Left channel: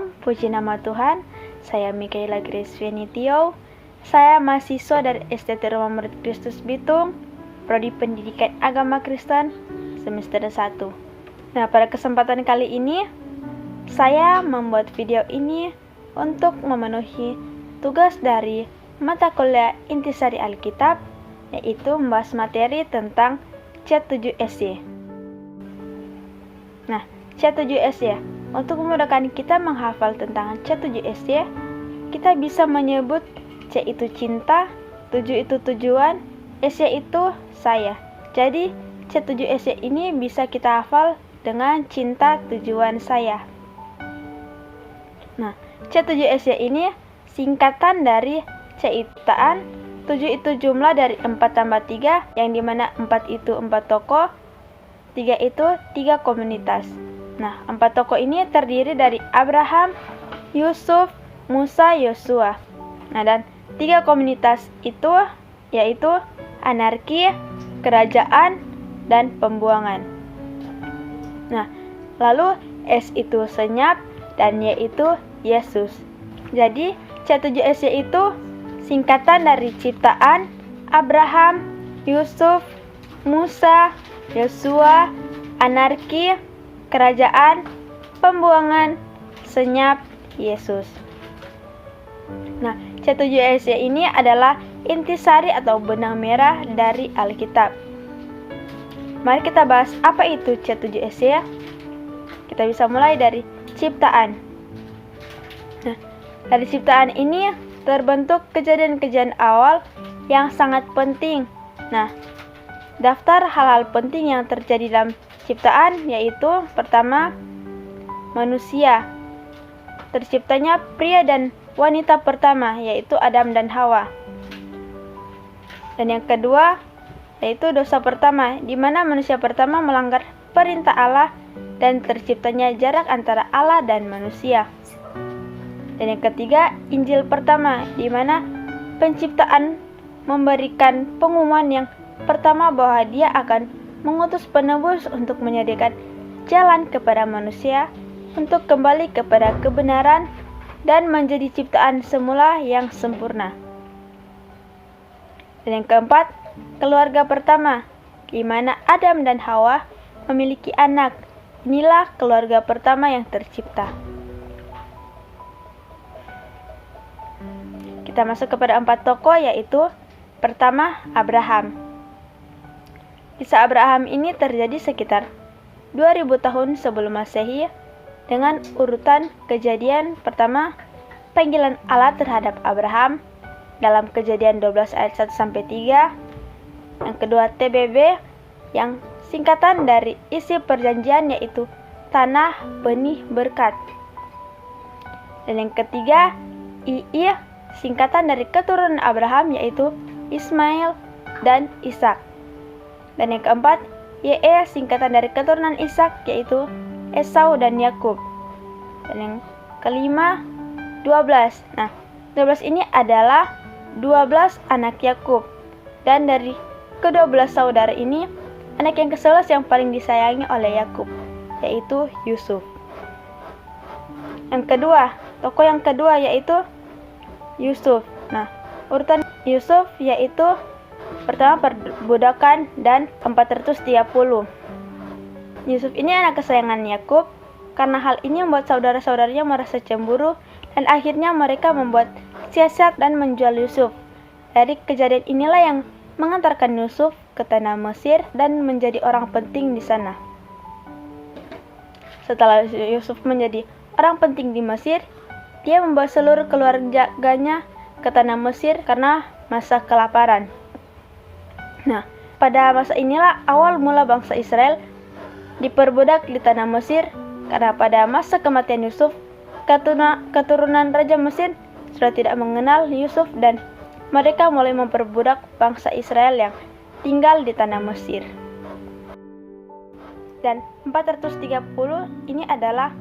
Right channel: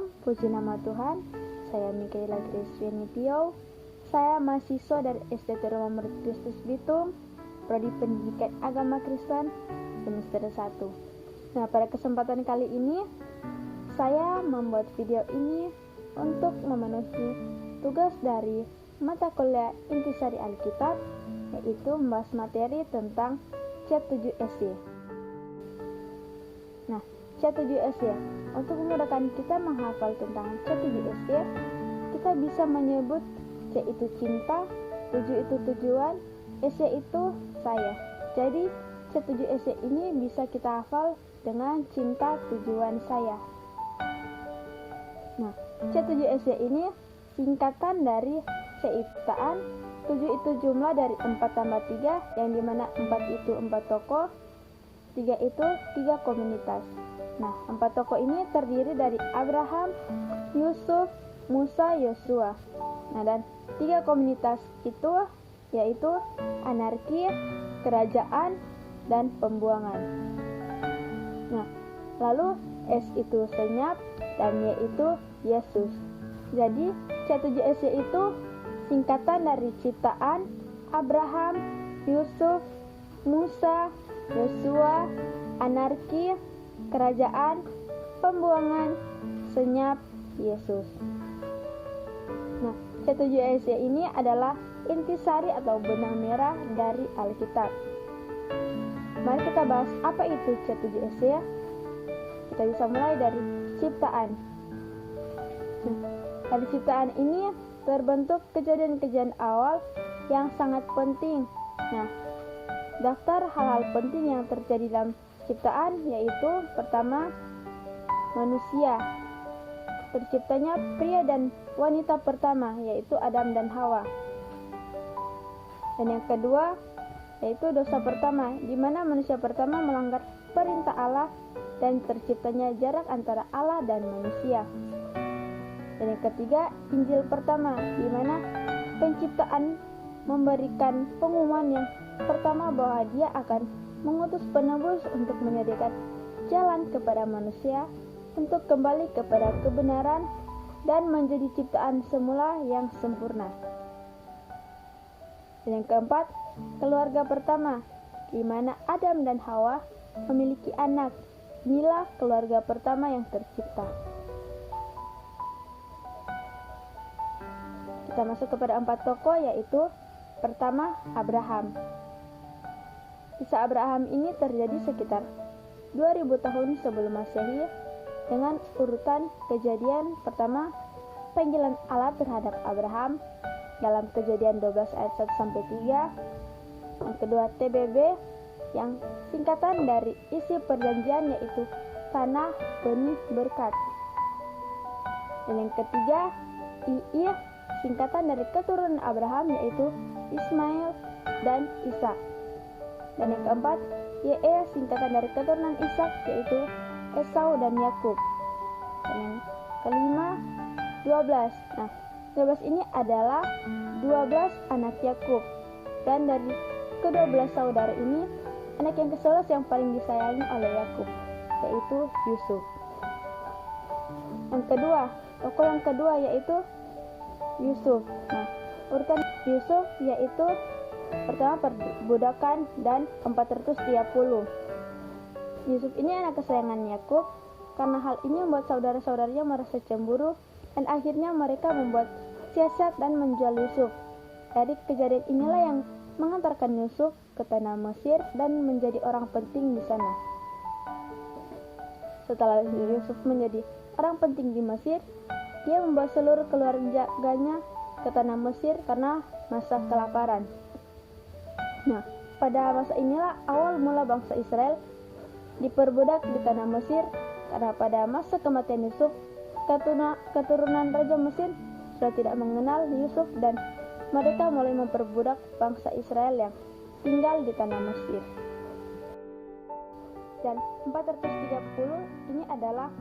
Shalom, puji nama Tuhan. Saya Mikaela Grace Venitio. Saya mahasiswa dari STT Rumah Murid Kristus Bitung, Prodi Pendidikan Agama Kristen, semester 1. Nah, pada kesempatan kali ini, saya membuat video ini untuk memenuhi tugas dari mata kuliah Intisari Alkitab, yaitu membahas materi tentang C7SY. Nah, C7SY, untuk memudahkan kita menghafal tentang C7SY, kita bisa menyebut C itu cinta, 7 itu tujuan, SY itu saya. Jadi, C7SY ini bisa kita hafal dengan cinta, tujuan, saya. Nah, C7SY ini singkatan dari C itu ciptaan, 7 itu jumlah dari 4 tambah 3, yang dimana 4 itu 4 tokoh, 3 itu 3 komunitas. Nah, 4 tokoh ini terdiri dari Abraham, Yusuf, Musa, Yosua. Nah, dan 3 komunitas itu yaitu anarki, kerajaan, dan pembuangan. Nah, lalu S itu senyap dan Y itu Yesus. Jadi, C7SY itu singkatan dari ciptaan, Abraham, Yusuf, Musa, Yosua, anarki, kerajaan, pembuangan, senyap, Yesus. Nah, C7SY ini adalah intisari atau benang merah dari Alkitab. Mari kita bahas apa itu C7SY. Kita bisa mulai dari ciptaan. Nah, dari ciptaan ini terbentuk kejadian-kejadian awal yang sangat penting. Nah, daftar hal-hal penting yang terjadi dalam ciptaan yaitu pertama, manusia. Terciptanya pria dan wanita pertama yaitu Adam dan Hawa. Dan yang kedua yaitu dosa pertama, di mana manusia pertama melanggar perintah Allah dan terciptanya jarak antara Allah dan manusia. Dan yang ketiga, Injil pertama, di mana penciptaan memberikan pengumuman yang pertama bahwa Dia akan mengutus penebus untuk menyediakan jalan kepada manusia untuk kembali kepada kebenaran dan menjadi ciptaan semula yang sempurna. Dan yang keempat, keluarga pertama, di mana Adam dan Hawa memiliki anak. Inilah keluarga pertama yang tercipta. Kita masuk kepada 4 tokoh, yaitu pertama, Abraham. Kisah Abraham ini terjadi sekitar 2000 tahun sebelum Masehi dengan urutan kejadian pertama, panggilan Allah terhadap Abraham dalam Kejadian 12 ayat 1-3. Yang kedua, TBB yang singkatan dari isi perjanjian yaitu tanah, benih, berkat. Dan yang ketiga, II singkatan dari keturunan Abraham yaitu Ismail dan Ishak. Dan yang keempat, YE singkatan dari keturunan Ishak yaitu Esau dan Yakub. Dan yang kelima, 12. Nah, 12 ini adalah 12 anak Yakub. Dan dari ke-12 saudara ini, anak yang ke-11 yang paling disayangi oleh Yakub, yaitu Yusuf. Yang kedua, tokoh yang kedua yaitu Yusuf. Nah, urutan Yusuf yaitu pertama perbudakan dan 430. Yusuf ini anak kesayangan Yakub. Karena hal ini membuat saudara-saudaranya merasa cemburu dan akhirnya mereka membuat siasat dan menjual Yusuf. Dari kejadian inilah yang mengantarkan Yusuf ke tanah Mesir dan menjadi orang penting di sana. Setelah Yusuf menjadi orang penting di Mesir, dia membawa seluruh keluarganya ke tanah Mesir karena masa kelaparan. Nah, pada masa inilah awal mula bangsa Israel diperbudak di tanah Mesir karena pada masa kematian Yusuf, keturunan Raja Mesir sudah tidak mengenal Yusuf dan mereka mulai memperbudak bangsa Israel yang tinggal di tanah Mesir. Dan 430 ini adalah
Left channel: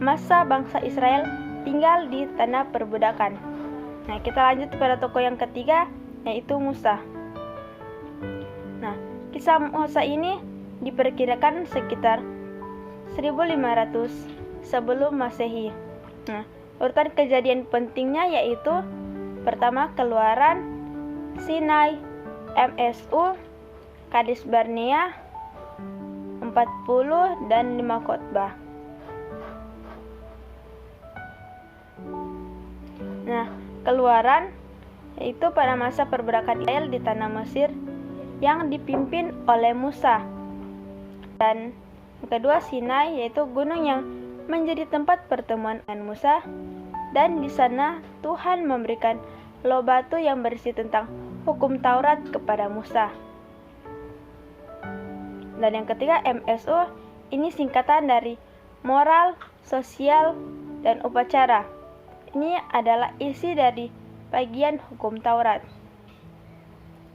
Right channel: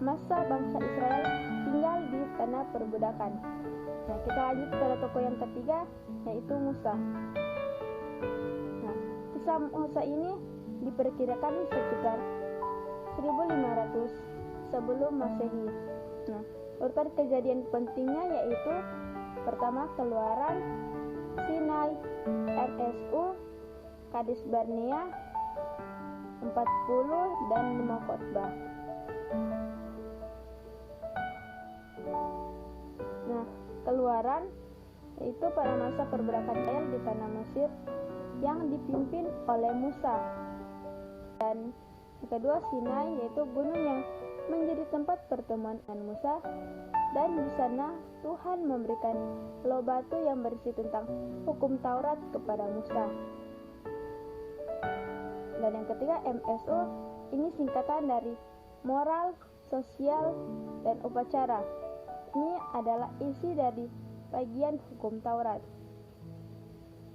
masa bangsa Israel tinggal di tanah perbudakan. Nah, kita lanjut pada tokoh yang ketiga yaitu Musa. Nah, kisah Musa ini diperkirakan sekitar 1500 sebelum Masehi. Nah, urutan kejadian pentingnya yaitu pertama Keluaran, Sinai, MSU, Kades Barnea, 40 dan 5 khotbah. Nah, Keluaran yaitu pada masa pergerakan Israel di tanah Mesir yang dipimpin oleh Musa. Dan yang kedua Sinai yaitu gunung yang menjadi tempat pertemuan dengan Musa, dan di sana Tuhan memberikan loh batu yang berisi tentang hukum Taurat kepada Musa. Dan yang ketiga MSU, ini singkatan dari moral, sosial, dan upacara. Ini adalah isi dari bagian hukum Taurat.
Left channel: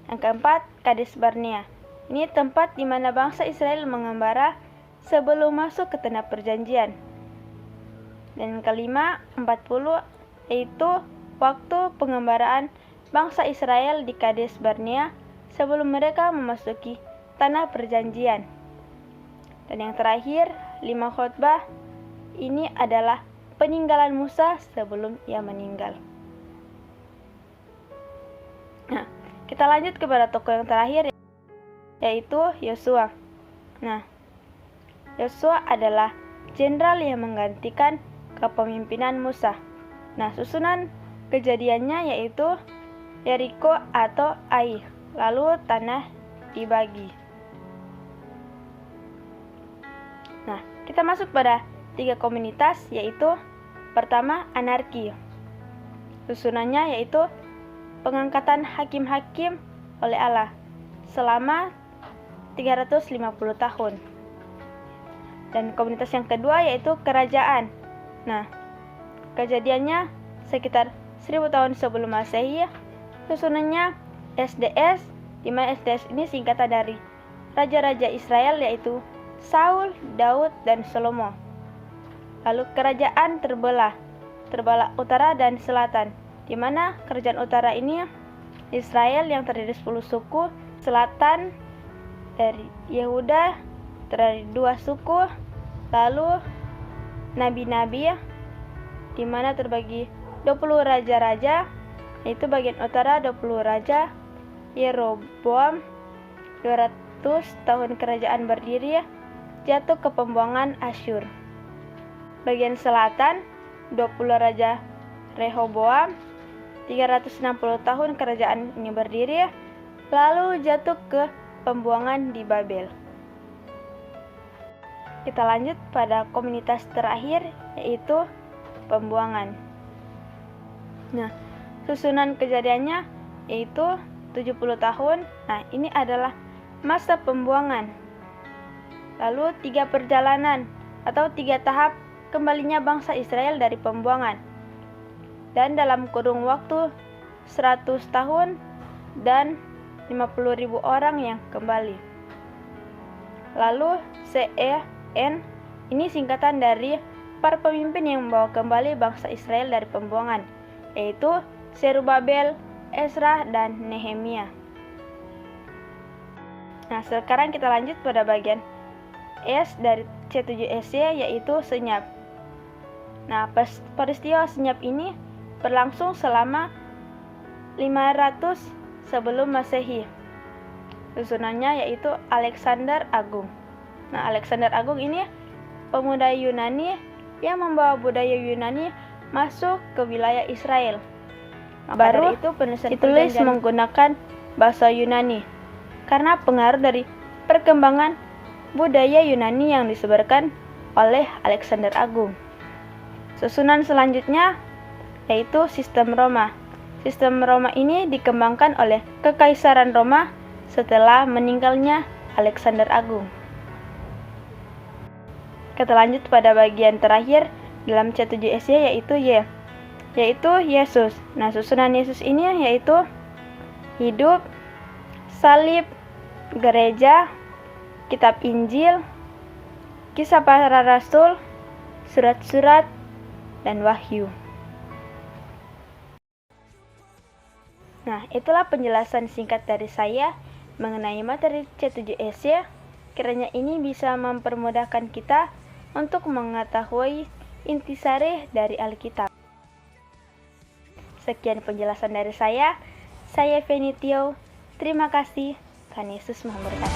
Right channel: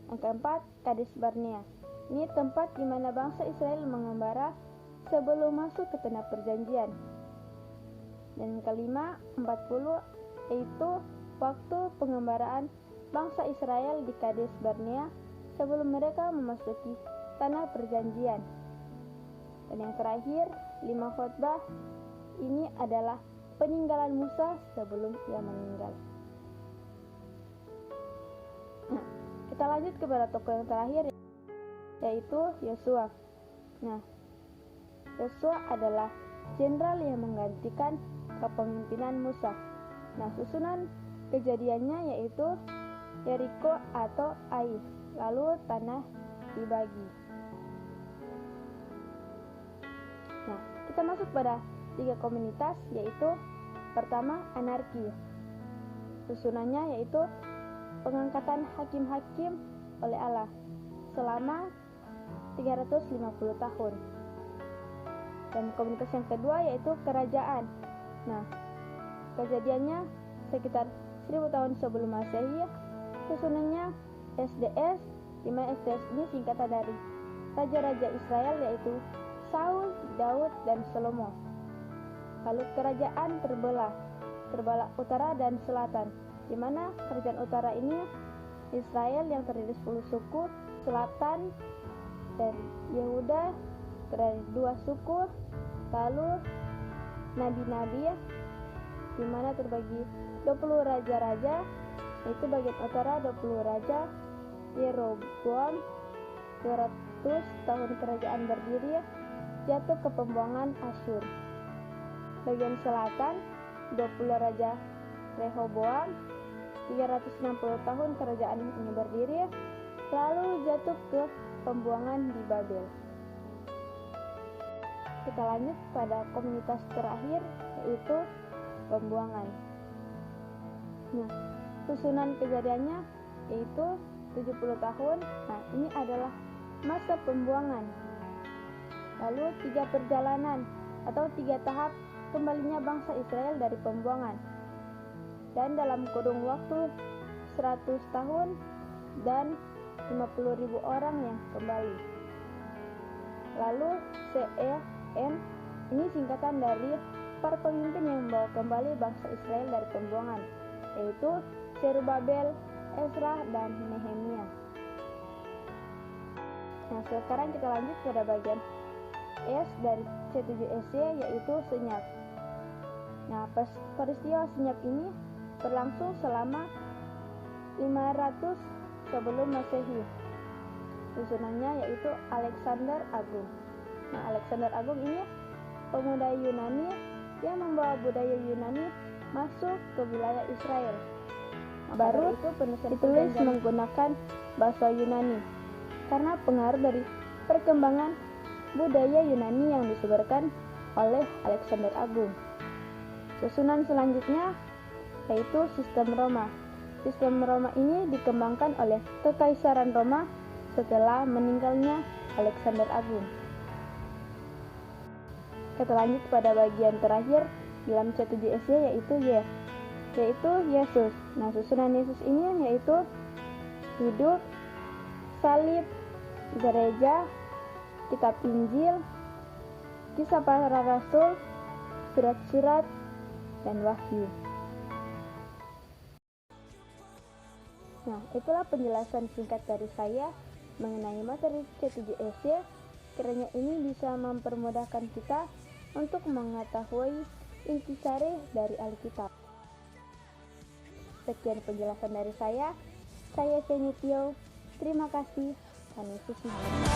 Yang keempat, Kades Barnea. Ini tempat di mana bangsa Israel mengembara sebelum masuk ke tanah perjanjian. Dan yang kelima, 40, yaitu waktu pengembaraan bangsa Israel di Kades Barnea sebelum mereka memasuki tanah perjanjian. Dan yang terakhir, 5 khotbah. Ini adalah peninggalan Musa sebelum ia meninggal. Nah, kita lanjut kepada tokoh yang terakhir, yaitu Yosua. Nah, Yosua adalah jenderal yang menggantikan kepemimpinan Musa. Nah, susunan kejadiannya yaitu Yeriko atau Ai, lalu tanah dibagi. Nah, kita masuk pada 3 komunitas, yaitu pertama anarki. Susunannya yaitu pengangkatan hakim-hakim oleh Allah selama 350 tahun. Dan komunitas yang kedua yaitu kerajaan. Nah, kejadiannya sekitar 1000 tahun sebelum Masehi. Susunannya SDS, di mana SDS ini singkatan dari raja-raja Israel yaitu Saul, Daud, dan Salomo. Lalu kerajaan terbelah utara dan selatan, di mana kerajaan utara ini Israel yang terdiri 10 suku, selatan dari Yehuda terdiri 2 suku, lalu nabi-nabi di mana terbagi 20 raja-raja, yaitu bagian utara 20 raja, Yeroboam 200 tahun kerajaan berdiri, jatuh ke pembuangan Asyur. Bagian selatan 20 raja Rehoboam 360 tahun kerajaan ini berdiri, lalu jatuh ke pembuangan di Babel. Kita lanjut pada komunitas terakhir, yaitu pembuangan. Nah, susunan kejadiannya yaitu 70 tahun. Nah, ini adalah masa pembuangan. Lalu 3 perjalanan atau 3 tahap kembalinya bangsa Israel dari pembuangan. Dan dalam kurung waktu 100 tahun dan 50.000 orang yang kembali. Lalu CEN ini singkatan dari para pemimpin yang membawa kembali bangsa Israel dari pembuangan, yaitu Zerubabel, Ezra, dan Nehemia. Nah, sekarang kita lanjut pada bagian S dari C7SY, yaitu senyap. Nah, peristiwa senyap ini berlangsung selama 500 sebelum Masehi. Susunannya yaitu Alexander Agung. Nah, Alexander Agung ini pemuda Yunani yang membawa budaya Yunani masuk ke wilayah Israel. Baru itu penulisan ditulis menggunakan bahasa Yunani karena pengaruh dari perkembangan budaya Yunani yang disebarkan oleh Alexander Agung. Susunan selanjutnya yaitu sistem Roma. Sistem Roma ini dikembangkan oleh Kekaisaran Roma setelah meninggalnya Alexander Agung. Kita lanjut pada bagian terakhir dalam C7SY, yaitu Yesus. Nah, susunan Yesus ini yaitu hidup, salib, gereja, kitab Injil, kisah para rasul, surat-surat, dan wahyu. Nah, itulah penjelasan singkat dari saya mengenai materi C7SY. Kiranya ini bisa mempermudahkan kita untuk mengetahui intisari dari Alkitab. Sekian penjelasan dari saya Feni Tio. Terima kasih. Tuhan Yesus memberkati.